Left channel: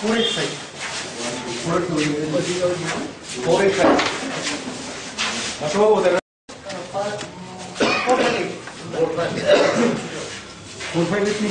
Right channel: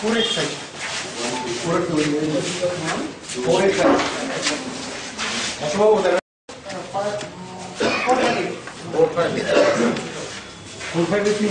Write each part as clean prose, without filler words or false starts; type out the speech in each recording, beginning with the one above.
485. 485. That's what was it? 458 with me.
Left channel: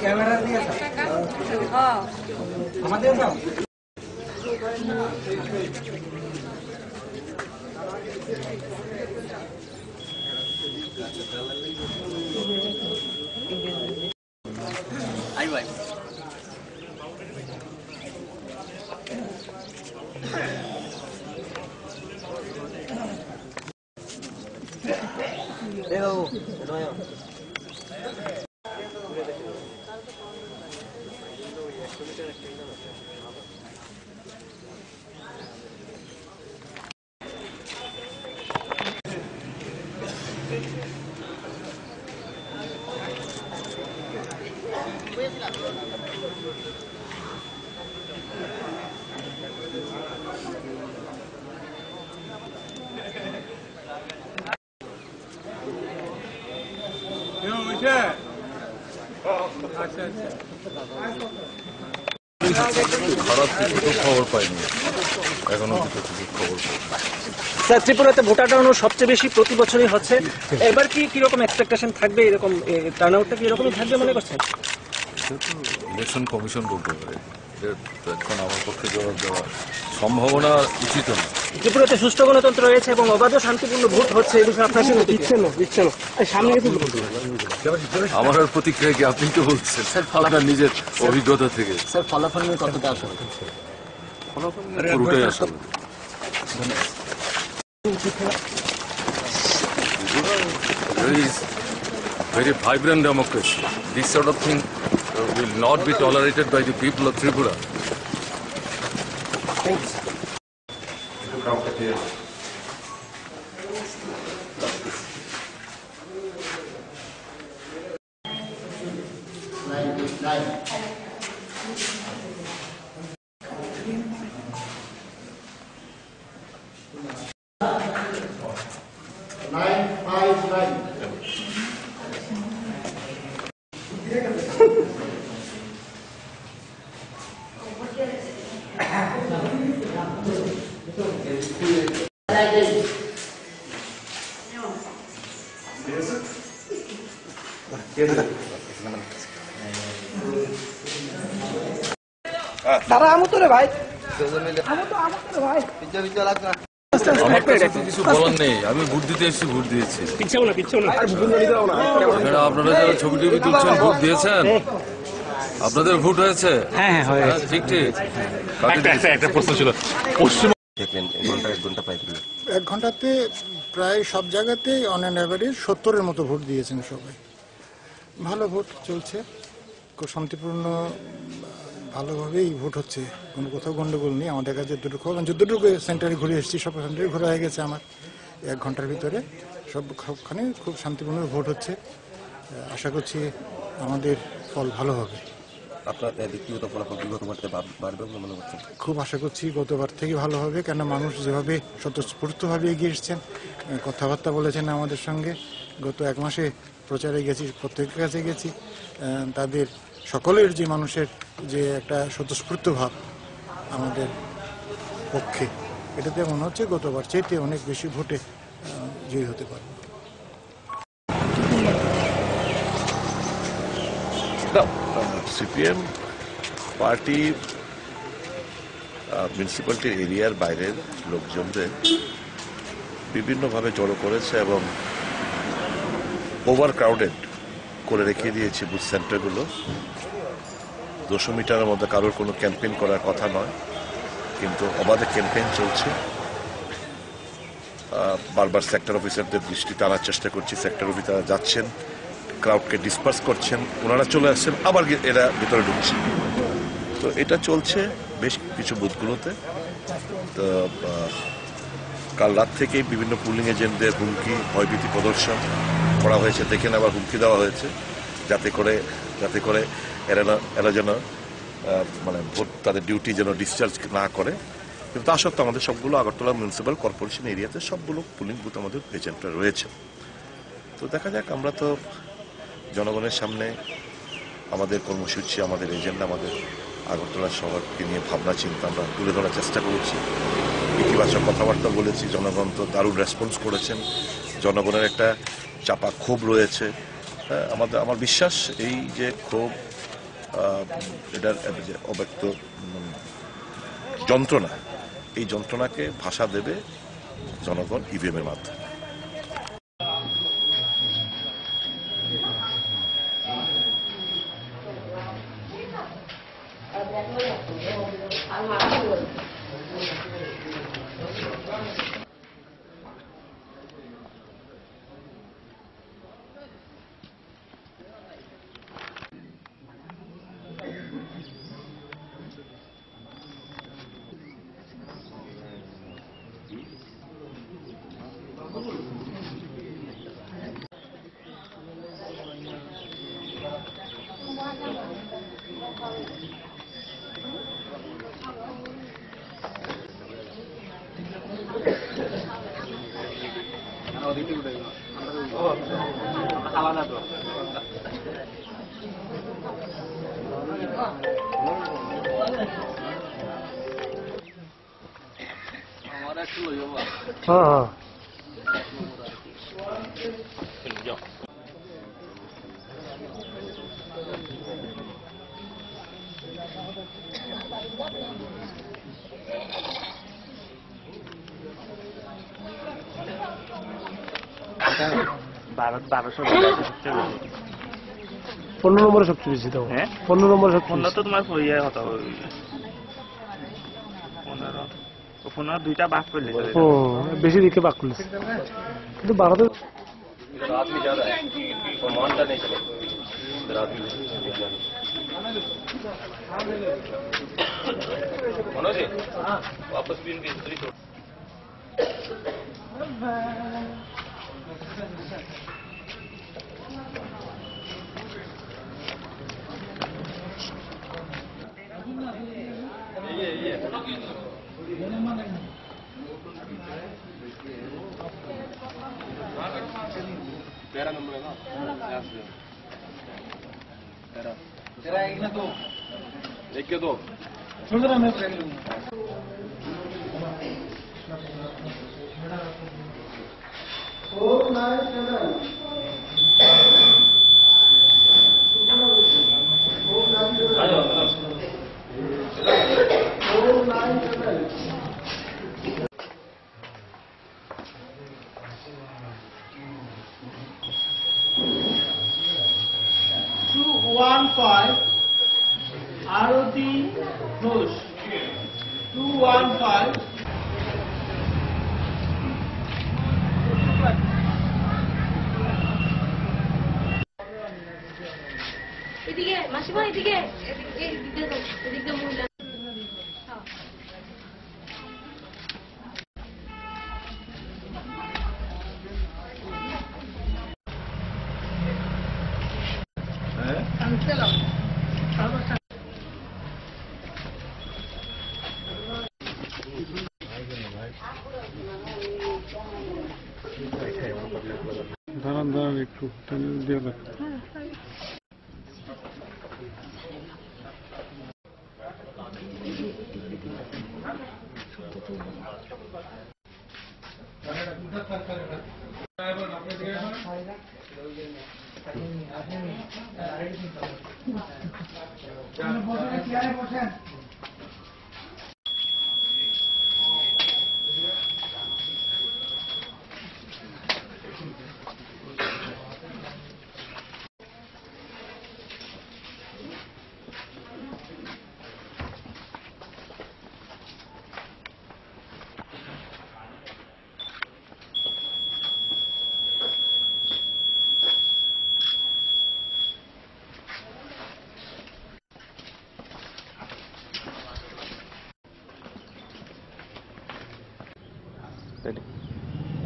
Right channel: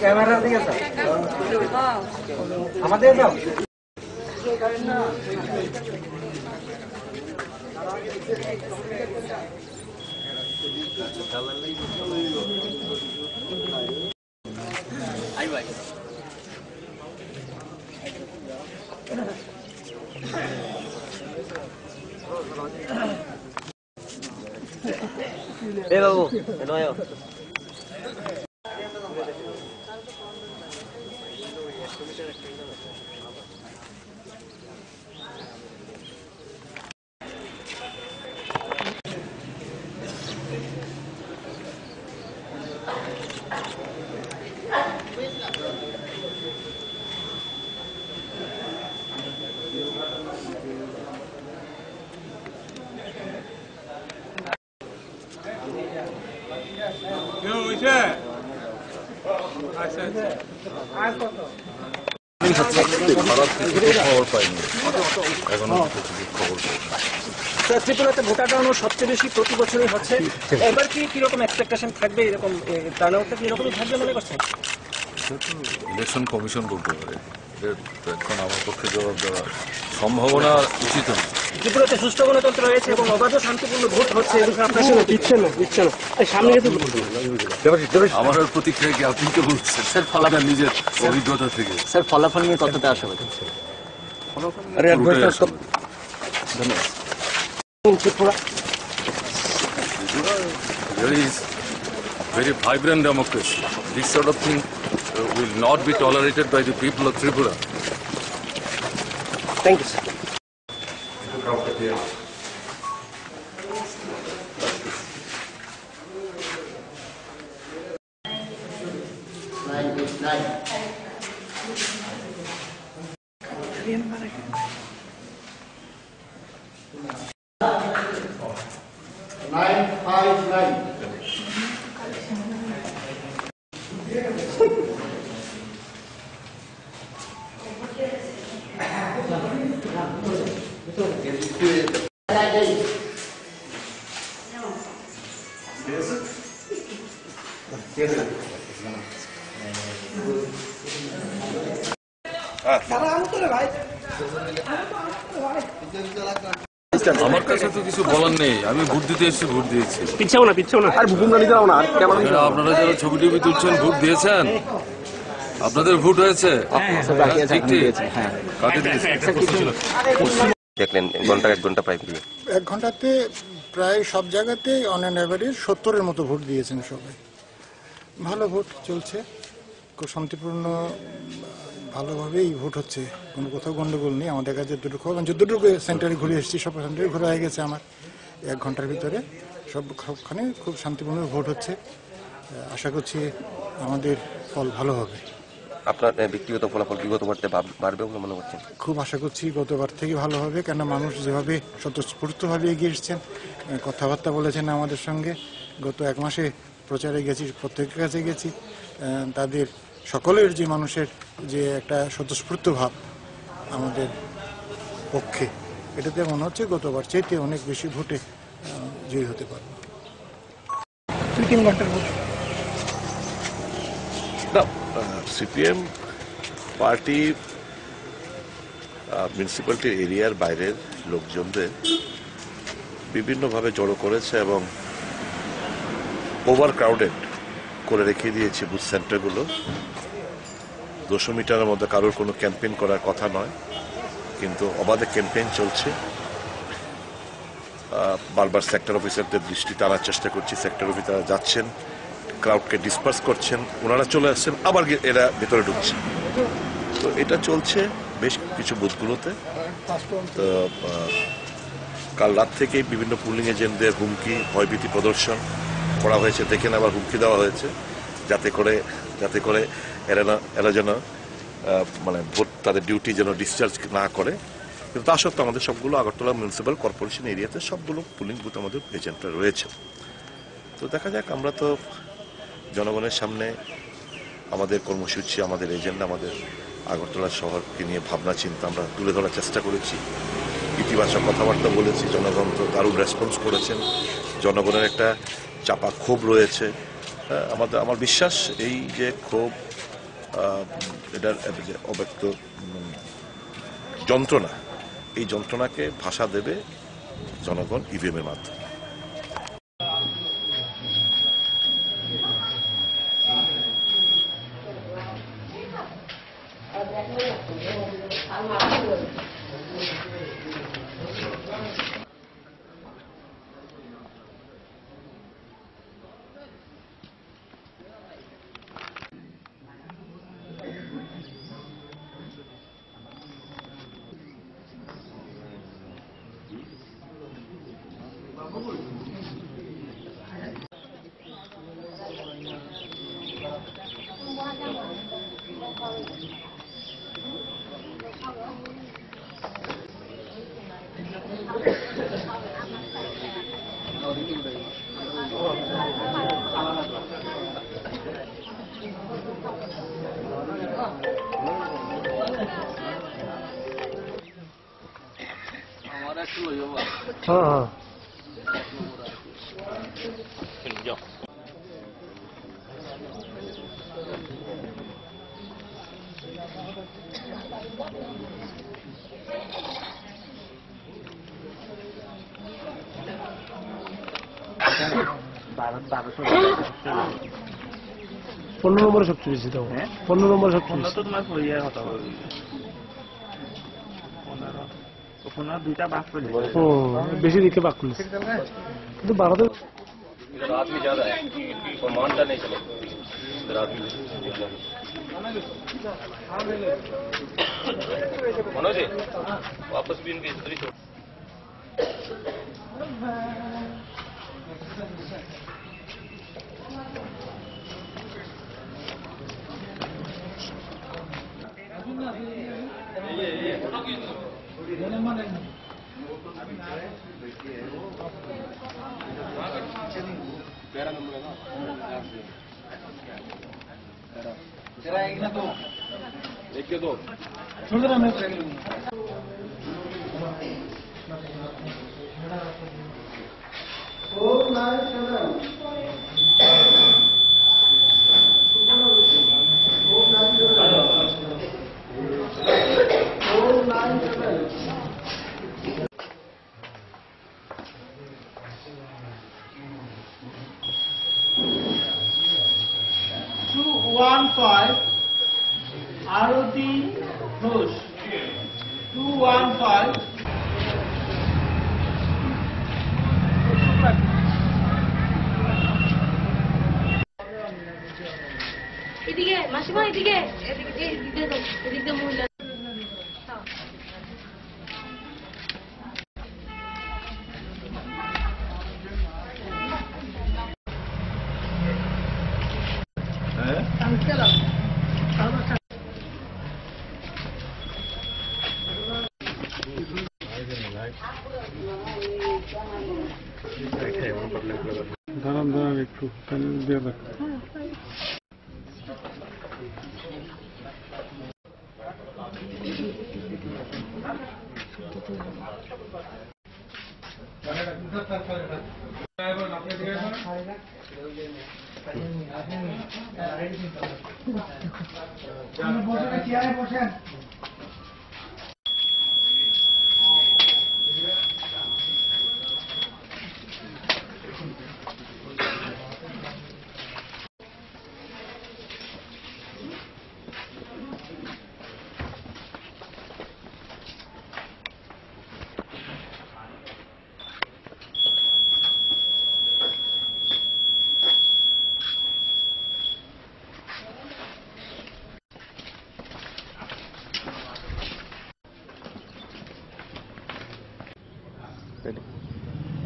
Camera दिया था हमारे जाओ आई भाई ए बाबू हेलो आयो খারাপ কিছু খবর পাইনি এখনো খবর স্যার ত্রিপুরাতে ভোটার টার্নআউট সবচেয়ে বেশি প্রতি বছরই হচ্ছে এবার কি কিরকম এক্সপেকটেশন থাকবে এরকম টার্নআউটটা কি এরকমই থাকবে মনে করছেন ইলেকশন কমিশন বলতে পারে এখন আমার পক্ষে জবাব দেওয়ার সম্ভাবনা উচিত না ত্রিপুরাতে সুষ্ঠু গণতন্ত্র রয়েছে এবং অবাধ ও শান্তিপূর্ণ ভোট হচ্ছে এই বিষয়ে আপনার দিচ্ছে না সামনে আমার আর প্রতিক্রিয়া কি আপনি তো বলছেন স্যার ফলাফল নিজের অভিজ্ঞতা থেকে স্যার ফলাফল নিয়ে কতটা আশা হচ্ছে very vibrant democracy. This sort of thing will not be tolerated by the people of Tripura. Thank you, sir. আমার কাছে তো কিছু বলার নেই আমি ভোট দিতে এসেছি ভোট দিয়েছি আপনারা যারা ছবি টবি তুলছেন ভোট দিয়েছেন আপনাদের ভোট হয়েছে ঠিক ঠিক দেখলেন এক ঘন্টাতে প্রায় সব জায়গাতেই অন অ্যান অ্যাভারেজ 70-এর মতো ভোট দিয়েছেন সবাই ভালো ভোট চলছে খুব শান্তিপূর্ণ ভালোভাবেই ভোট হচ্ছে কোনো কোথাও গন্ডগোল নেই আমাদের কাছে যতটুকু সেন্টারে ঘুরে এসেছি সব সেন্টারে ঘুরে হয়ে গেছে আমার 1 ঘন্টার ভিতরে সবখানে খুব শান্তিপূর্ণ ভোট হচ্ছে আশা করছি আমাদের ফল ভালো হবে আপনার ব্যক্তিগত ফলাফল বিগতবার বাড়বে বলে মনে করছেন খুব আশা করছি গতবার থেকে ভালো হবে কেন মানুষ যেভাবে স্বতঃস্ফূর্তভাবে এগিয়ে এসেছেন কথাবার্তা বলেছেন আমাদের সঙ্গে গত 1 মাসে প্রচারে গেছি প্রত্যেকের কাছে গেছি তাদের সকলের যে মানুষের যে একটা স্বতঃস্ফূর্ত ভাব আমাদের পক্ষে। এটাতে মনে হচ্ছে গতবার চাইতে অনেক বেশি ভোটে জয়ী হতে পারবো। সিপিএম পার্টি মিউনিসিপ্যালিটি এরিয়ার বাইরের লোকজনদের বিভিন্নভাবে জড়ো করেছে এবং ওভার ক্রাউডেড করে রেখে দিয়েছে বুথ সেন্টারগুলো। 200 মিটারের মধ্যে কারোর কোনো ক্যাম্পেইন করার কথা নয়, কিন্তু অবাধে ক্যাম্পেইন চলছে। বারবার সেক্টর অফিসারদের দৃষ্টি টানার চেষ্টা করছি, সেক্টর অফিসাররা যাচ্ছেন, ক্রাউডকে ডিসপার্স করছেন, ওনারা চলে আসছেন, আবার এরা ভেতরে ঢুকছে। তো এটা চলছে বেশ কিছু বুথগুলোতে। তো কাল রাত থেকেই বিভিন্ন পুলিং এজেন্টদের হুমকি, ভয়ভীতি প্রদর্শন করা হয়েছে, দেখেন আবার হুমকি দেওয়া হয়েছে যাতে করে এরা যেন মানে ভোট তাদের ডিউটি যেন ডিসচার্জ না করে। কিন্তু তা সত্ত্বেও আমাদের সবগুলো আগরতলা মিউনিসিপ্যাল কর্পোরেশন এরিয়াতে সবগুলো পুলিং বুথ আমাদের এজেন্টরা রয়েছে। তো দেখা যাক, আমরা তো জনগণের সামনে আমাদের কর্মসূচি, আমাদের এজেন্ডা, আমাদের আগরতলা শহরকে নিয়ে ভাবনা চিন্তা আমরা তুলে ধরার চেষ্টা করেছি। ইতিবাচক কথাবার্তা বলেছি, জনগণ তো দারুণ রেসপন্স করেছেন। জনগণের একটা চাপা ক্ষোভ রয়েছে। আমার বিশ্বাস এই যে ক্ষোভ, এটার যে অব্যক্ত যন্ত্রণা, এই যন্ত্রণাকে ভাষা দেবে জনগণ ইভিএমের মাধ্যমে। भारत 1200 15 নম্বরে সবচেয়ে বেশি দাও। হ্যাঁ 15 নম্বরে সবচেয়ে 15 তো তোমার ইয়ে হতো 15 দুইটা বাক করলে ও বেশি দিকে বাক করলে, কিন্তু ভারতে रात में ज्यादा है और मानता नहीं चले रात में मनोज वापस भी इनके इधर ही छोड़ तेरा नंबर है ना तेरा एक ना दो एक के दो छोड़ दो मैं ट्रेन लूंगा Arati Ghosh 215 এদিকে মাসিমা এদিকে এদিকে এদিকে মহিলা দাঁড়ান একটু দিয়ে দেখ।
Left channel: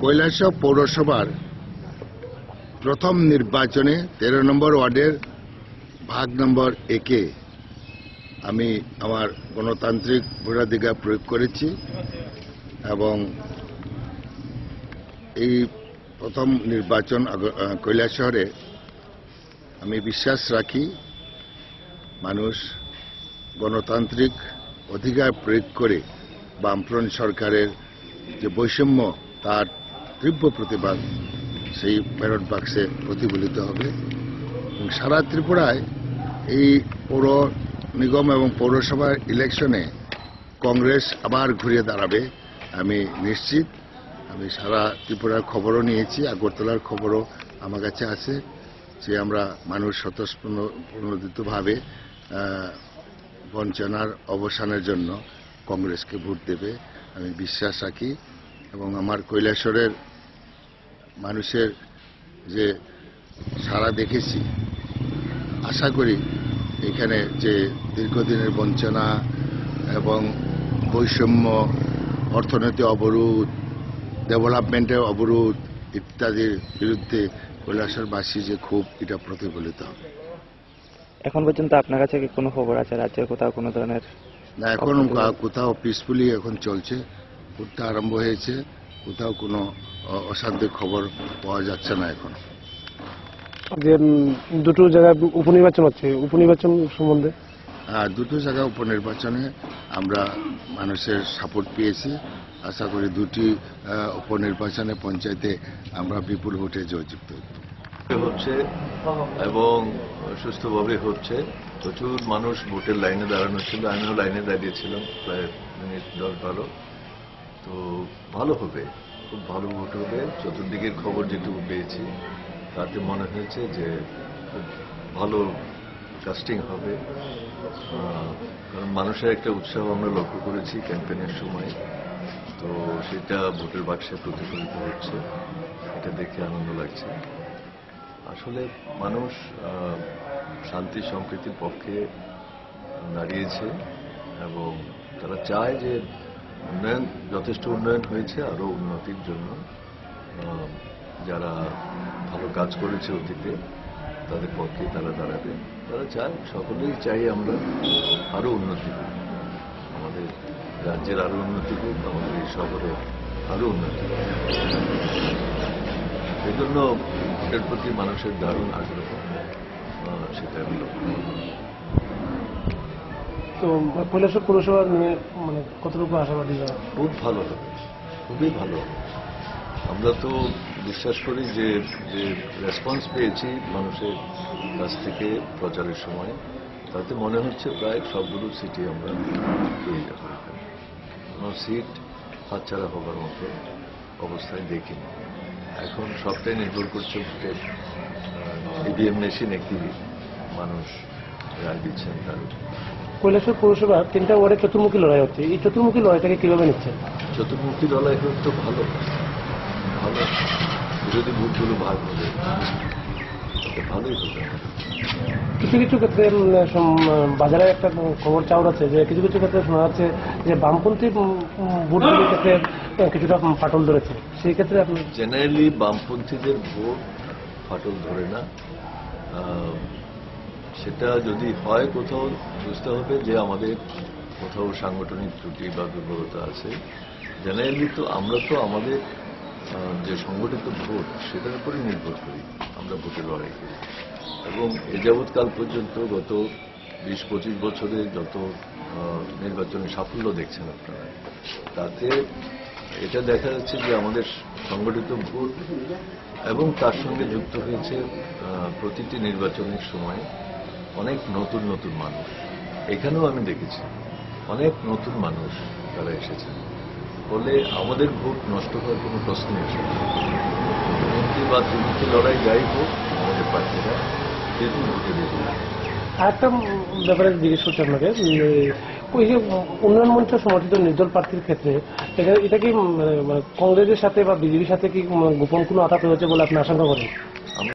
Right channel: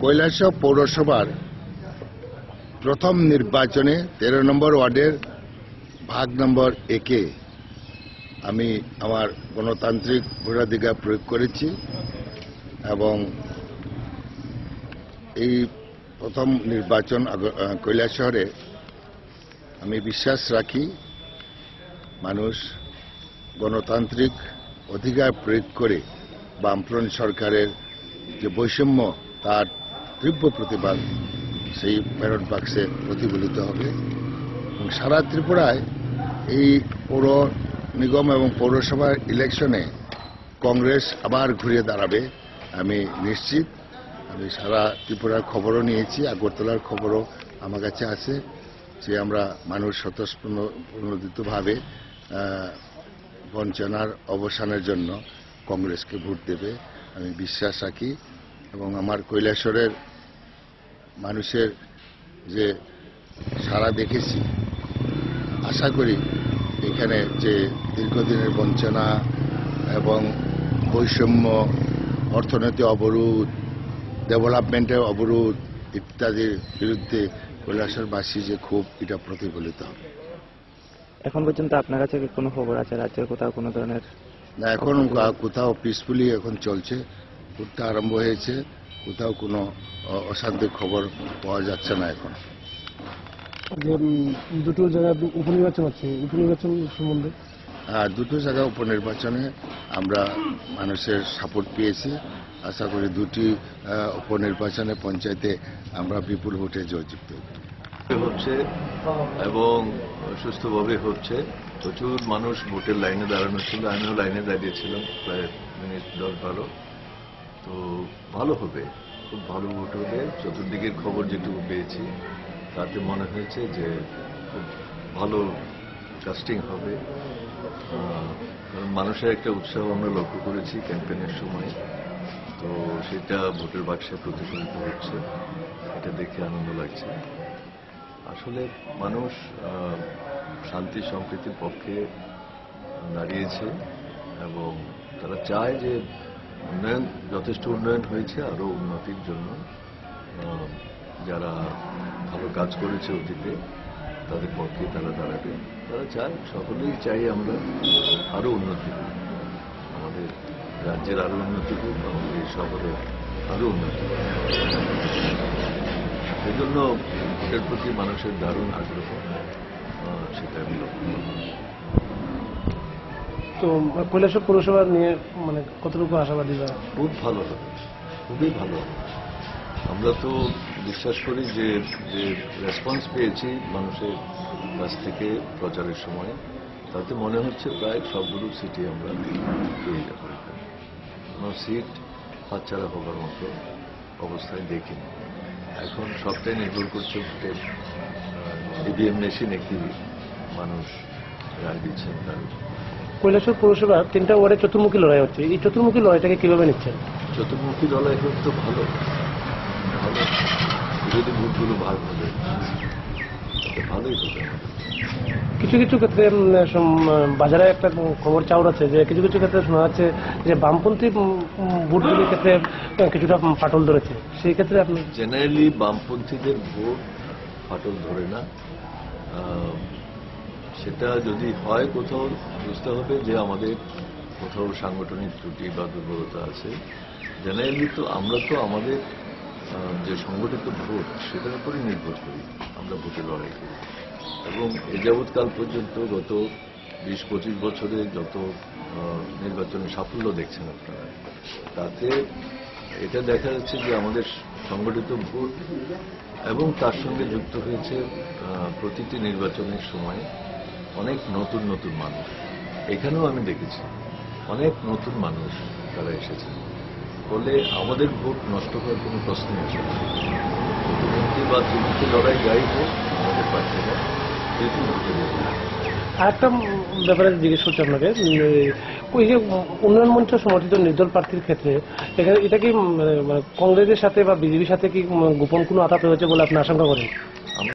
কৈলাসহর পৌরসভার প্রথম নির্বাচনে 13 নম্বর ওয়ার্ডের ভাগ নম্বর 1-এ আমি আমার গণতান্ত্রিক ভোটাধিকার প্রয়োগ করেছি এবং এই প্রথম নির্বাচন কৈলাসহরে আমি বিশ্বাস রাখি মানুষ গণতান্ত্রিক অধিকার প্রয়োগ করে বামফ্রন্ট সরকারের যে বৈষম্য তার তীব্র প্রতিবাদ সেই ব্যালট বাক্সে প্রতিফলিত হবে এবং সারা ত্রিপুরায় এই পৌর নিগম এবং পৌরসভার ইলেকশনে কংগ্রেস আবার ঘুরে দাঁড়াবে আমি নিশ্চিত। আমি সারা ত্রিপুরার খবরও নিয়েছি, আগরতলার খবরও আমার কাছে আছে যে আমরা মানুষ স্বতঃস্ফূর্তভাবে বঞ্চনার অবসানের জন্য কংগ্রেসকে ভোট দেবে আমি বিশ্বাস রাখি এবং আমার কৈলাসহরের মানুষের যে সাড়া দেখেছি আশা করি এখানে যে দীর্ঘদিনের বঞ্চনা এবং বৈষম্য, অর্থনৈতিক অবরোধ, ডেভেলপমেন্টের অবরোধ ইত্যাদির বিরুদ্ধে কৈলাসহরবাসী যে ক্ষোভ এটা প্রতিফলিত হবে। এখন পর্যন্ত আপনার কাছে কি কোনো খবর আছে রাজ্যের কোথাও কোনো ধরনের? না, এখন কোথাও পিসফুলি এখন চলছে, ভোটটা আরম্ভ হয়েছে, কোথাও কোনো অশান্তির খবর পাওয়া যাচ্ছে না এখন। যে দুটো জায়গায় উপনির্বাচন হচ্ছে, উপনির্বাচন সম্বন্ধে দুটো জায়গা উপনির্বাচনে আমরা মানুষের সাপোর্ট পেয়েছি। আশা করি দুটি উপনির্বাচনে পঞ্চায়েতে আমরা বিপুল ভোটে জয়যুক্ত হচ্ছে এবং সুস্থভাবে হচ্ছে। প্রচুর মানুষ ভোটের লাইনে দাঁড়ানো ছিল, আমিও লাইনে দাঁড়িয়েছিলাম প্রায় মিনিট 10-12। তো ভালো হবে, খুব ভালো ভোট হবে। চতুর্দিকের খবর যেটুকু পেয়েছি তাতে মনে হয়েছে যে খুব ভালো কাস্টিং হবে, কারণ মানুষের একটা উৎসাহ আমরা লক্ষ্য করেছি ক্যাম্পেইনের সময়। তো সেটা ভোটের বাক্সে প্রতিফলিত হচ্ছে, এটা দেখে আনন্দ লাগছে। আসলে মানুষ শান্তি সম্প্রীতির পক্ষে দাঁড়িয়েছে এবং তারা চায় যে উন্নয়ন, যথেষ্ট উন্নয়ন হয়েছে, আরও উন্নতির জন্য যারা ভালো কাজ করেছে অতীতে তাদের পক্ষে তারা দাঁড়াবে। তারা চায়, সকলেই চাই আমরা আরও উন্নতি হোক, আমাদের রাজ্যের আরও উন্নতি হোক, আমাদের এই শহরের আরও উন্নতি হোক। এই জন্য ভোটের প্রতি মানুষের দারুণ আগ্রহ, সেটা আমি লক্ষ্য করি। তো কৈলাসহর পৌরসভা নিয়ে মানে কতটুকু আশাবাদী? খুব ভালো হবে, খুবই ভালো হবে। আমরা তো বিশ্বাস করি যে রেসপন্স পেয়েছি মানুষের কাছ থেকে প্রচারের সময়, তাতে মনে হচ্ছে প্রায় সবগুলো সিটে আমরা তৈরিটা করে ফেলি। কোনো সিট হাতছাড়া হবার মতো অবস্থায় দেখিনি। এখন সবটাই নির্ভর করছে ভোটের ইভিএম মেশিনে কি মানুষ রায় দিচ্ছেন তার। কৈলাসহর পৌরসভা 3টা ওয়ার্ডে চতুর্মুখী লড়াই হচ্ছে, এই চতুর্মুখী লড়াইটাকে কিভাবে নিচ্ছেন? চতুর্মুখী লড়াই হোক তো ভালো, ভালো যদি ভোটগুলো ভাগ হবে ভালোই হবে। কিছু কিছু ক্ষেত্রে বাজারে একটা খবর চাউর আছে যে কিছু কিছু ক্ষেত্রে শোনা যাচ্ছে যে বামপন্থী ভোটগুলির ক্ষেত্রে কিছুটা ফাটল ধরেছে, সেই ক্ষেত্রে আপনি? জেনারেলি বামপন্থীদের ভোট ফাটল ধরে না। সেটা যদি হয় কোথাও বুঝতে হবে যে আমাদের কোথাও সাংগঠনিক ত্রুটি বা দুর্বলতা আছে। জেনারেলি তো আমরা তো আমাদের যে সংগঠিত ভোট সেটার উপরই নির্ভর করি, আমরা ভোটে লড়াই করি এবং এ যাবৎকাল পর্যন্ত গত 20-25 বছরে যত নির্বাচনী সাফল্য দেখছেন আপনারা, তাতে এটা দেখা যাচ্ছে যে আমাদের সংগঠিত ভোট এবং তার সঙ্গে যুক্ত হয়েছে প্রতিটি নির্বাচনের সময় অনেক নতুন নতুন মানুষ। এখানেও আমি দেখেছি অনেক নতুন মানুষ তারা এসেছেন, ফলে আমাদের ভোট নষ্ট হওয়ার কোনো প্রশ্নই আসে না। মুখ্যমন্ত্রী বা তৃতীয় লড়াই যাই হোক, আমাদের প্রার্থীরা তৃতীয় ভোটে দেবে। আরেকটা ব্যাপারে জিজ্ঞেস করছি আপনাকে, ওই যে উন্নয়ন মঞ্চ সমর্থিত নির্দল প্রার্থীর ক্ষেত্রে এটা কি কংগ্রেসের সাথে বা বিজেপির সাথে কি গোপন কোনো আঘাত হয়েছে বলে আপনি আশঙ্কা করেন?